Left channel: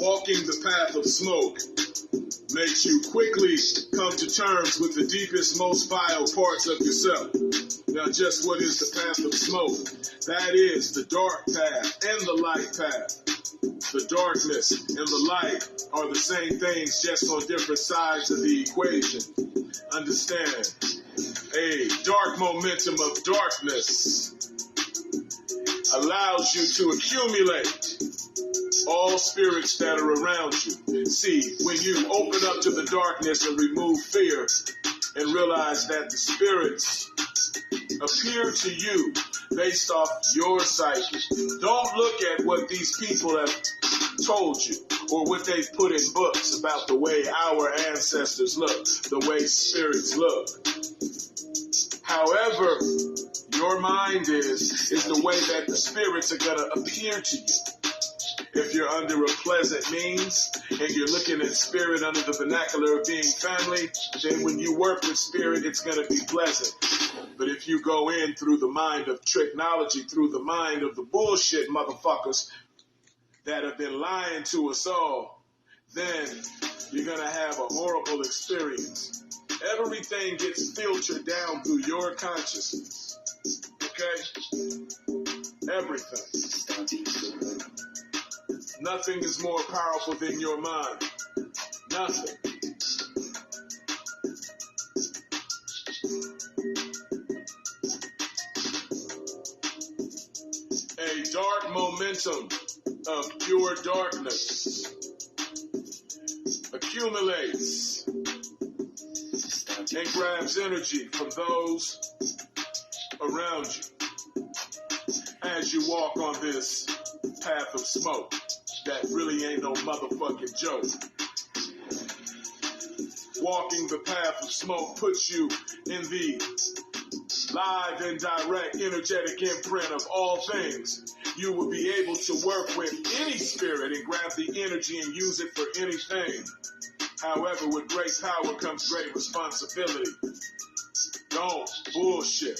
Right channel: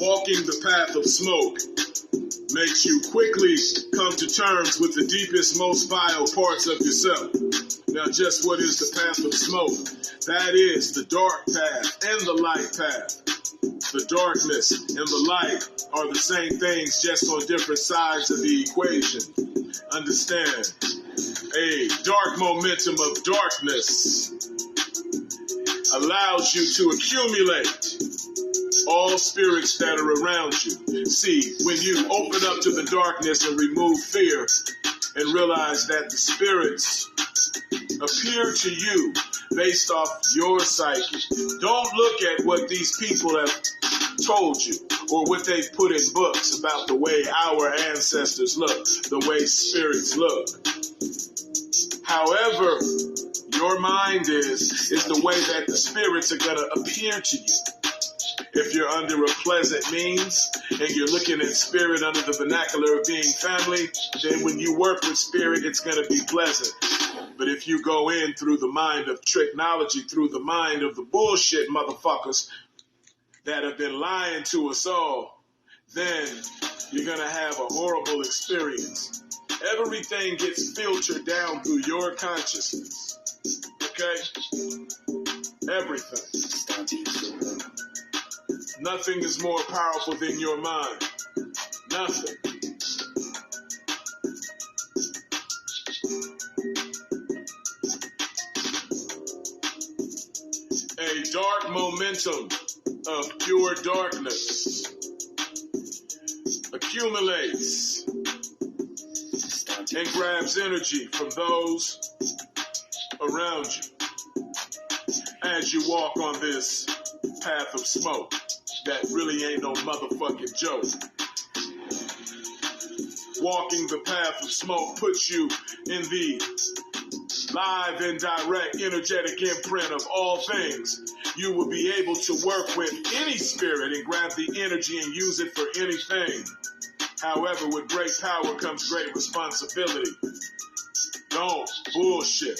Walking the path of smoke makes you quickly come to terms with the deepest, most vile parts of yourself. Now, just what is the path of smoke? That is the dark path and the light path. The darkness and the light are the same things, just on different sides of the equation. Understand? A dark momentum of darkness allows you to accumulate all spirits that are around you. See, when you open up to the darkness and remove fear and realize that the spirits appear to you based off your psyche. Don't look at what these people have told you or what they've put in books about the way our ancestors look, the way spirits look. However, your mind is the way that the spirits are going to appear to you. If you're under a pleasant means and you're looking at spirit under the vernacular of being family, then when you work with spirit, it's going to be pleasant. But if you go in through the mind of technology, through the mind of the bullshit motherfuckers that have been lying to us all, then you're going to have a horrible experience. Everything gets filtered down through your consciousness. Okay? Everything. Nothing is more powerful than your mind. Nothing. A dark momentum of pure darkness accumulates and grabs energy from those around you as you walk on this path of smoke. That really ain't no motherfucking joke. Walking the path of smoke puts you in the live and direct energetic imprint of all things. You will be able to work with any spirit and grab the energy and use it for anything. However, with great power comes great responsibility. Don't bullshit.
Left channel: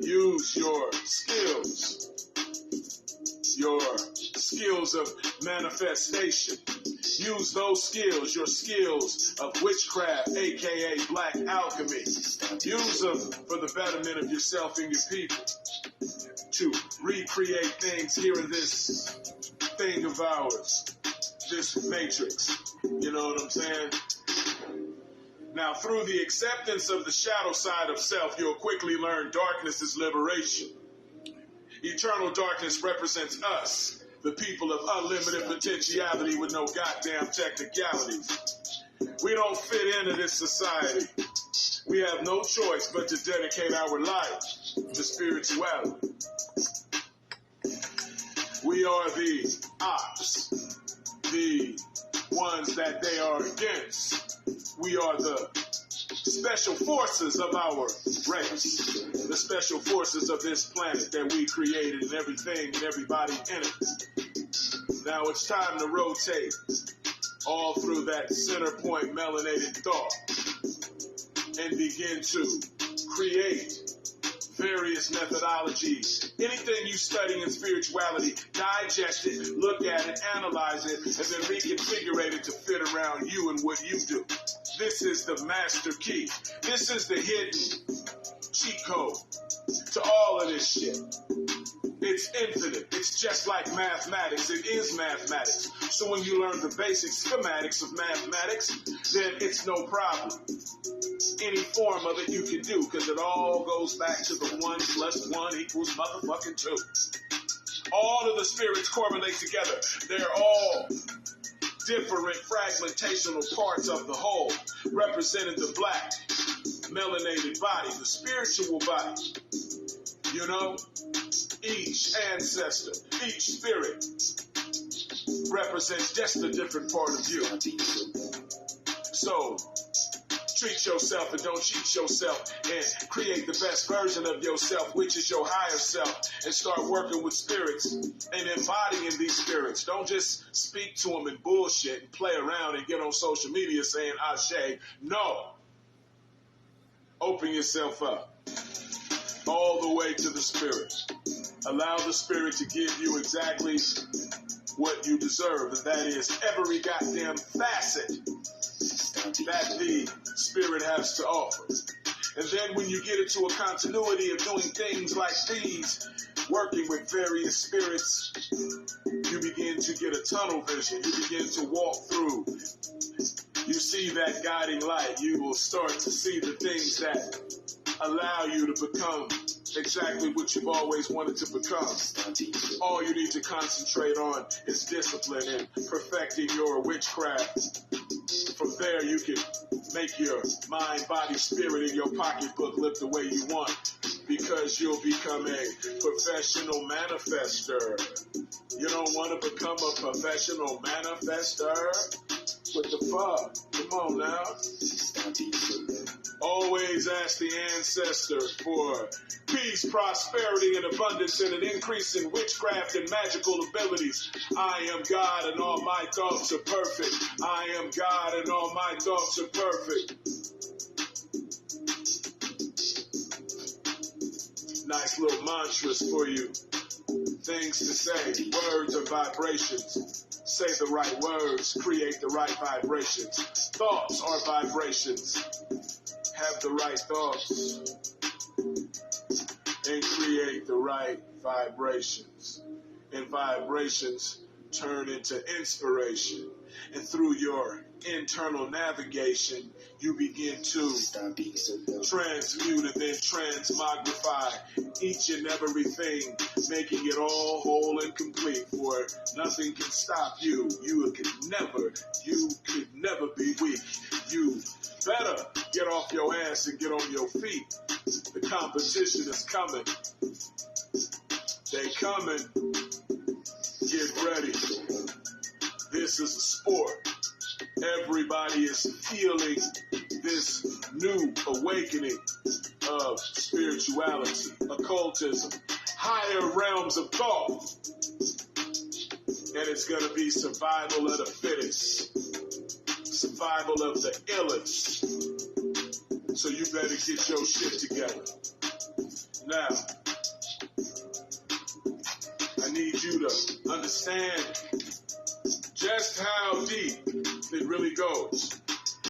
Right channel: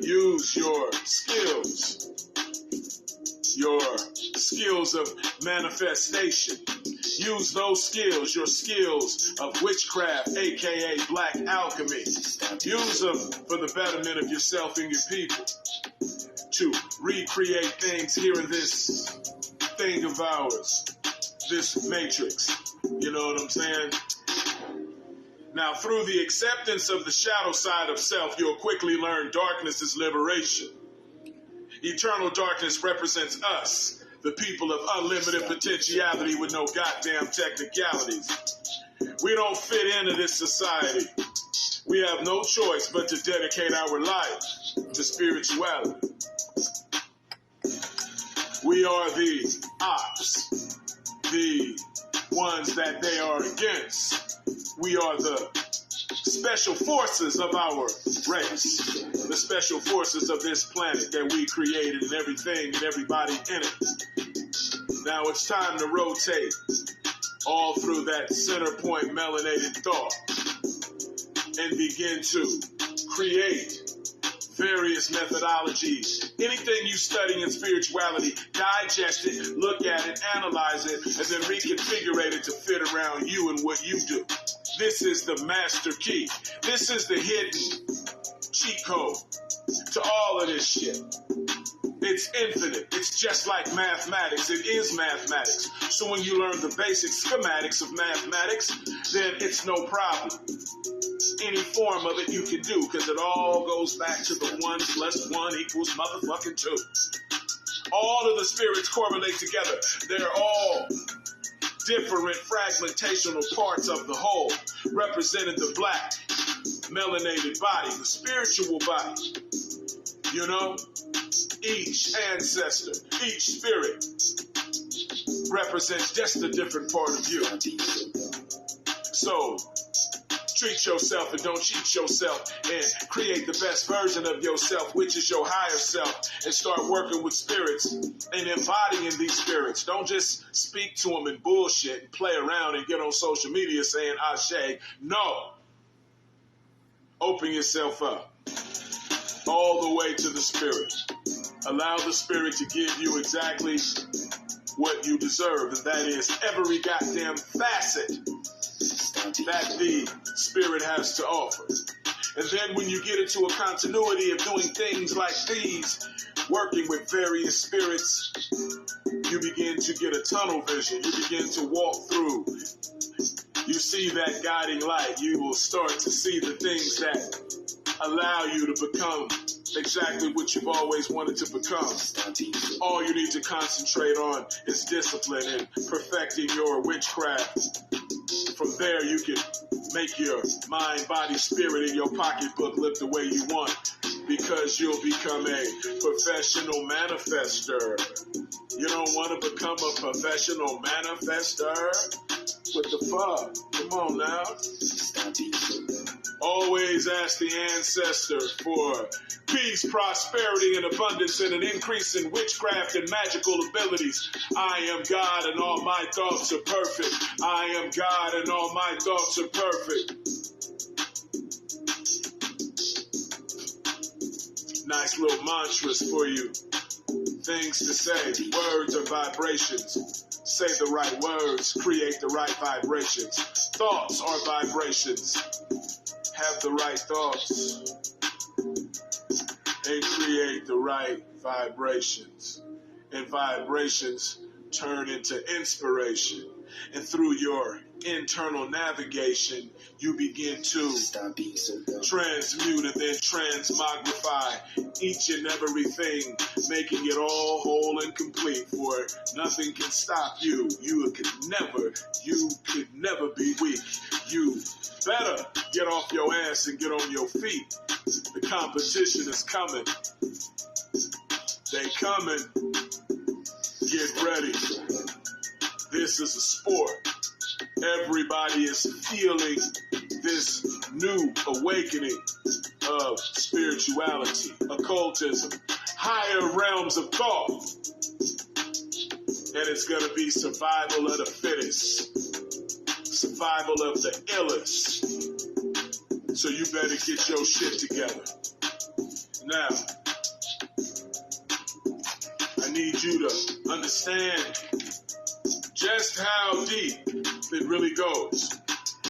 Use your skills. Your skills of manifestation. Use those skills, your skills of witchcraft, aka black alchemy. Use them for the betterment of yourself and your people. To recreate things here in this thing of ours, this matrix. You know what I'm saying? Now, through the acceptance of the shadow side of self, you'll quickly learn darkness is liberation. Eternal darkness represents us, the people of unlimited potentiality with no goddamn technicalities. We don't fit into this society. We have no choice but to dedicate our life to spirituality. We are the ops, the ones that they are against. We are the special forces of our race, the special forces of this planet that we created and everything and everybody in it. Now it's time to rotate all through that center point melanated thought and begin to create various methodologies. Anything you study in spirituality, digest it, look at it, analyze it, and then reconfigure it to fit around you and what you do. This is the master key. This is the hidden cheat code to all of this shit. It's infinite. It's just like mathematics. It is mathematics. So when you learn the basic schematics of mathematics, then it's no problem. Any form of it you can do, because it all goes back to the 1 + 1 equals motherfucking 2. All of the spirits correlate together. They're all different fragmentational parts of the whole, representing the black, melanated body, the spiritual body. You know, each ancestor, each spirit represents just a different part of you. So, treat yourself and don't cheat yourself and create the best version of yourself, which is your higher self, and start working with spirits and embodying these spirits. Don't just speak to them and bullshit and play around and get on social media saying Ashe. No. Open yourself up all the way to the spirit. Allow the spirit to give you exactly what you deserve, and that is every goddamn facet that the spirit has to offer. And then when you get into a continuity of doing things like these, working with various spirits, you begin to get a tunnel vision. You begin to walk through. You see that guiding light. You will start to see the things that allow you to become exactly what you've always wanted to become. All you need to concentrate on is discipline and perfecting your witchcraft. From there, you can make your mind, body, spirit, and your pocketbook look the way you want, because you'll become a professional manifester. You don't want to become a professional manifester? What the fuck? Come on now. Always ask the ancestors for peace, prosperity, and abundance, and an increase in witchcraft and magical abilities. I am God and all my thoughts are perfect. I am God and all my thoughts are perfect. Nice little mantras for you. Things to say. Words are vibrations. Say the right words. Create the right vibrations. Thoughts are vibrations. Have the right thoughts and create the right vibrations. And vibrations turn into inspiration. And through your internal navigation, you begin to transmute and then transmogrify each and everything, making it all whole and complete. For nothing can stop you. You could never be weak. You better get off your ass and get on your feet. The competition is coming. They coming. Get ready. This is a sport. Everybody is feeling this new awakening of spirituality, occultism, higher realms of thought. And it's going to be survival of the fittest, survival of the illest. So you better get your shit together. Now, I need you to understand just how deep it really goes.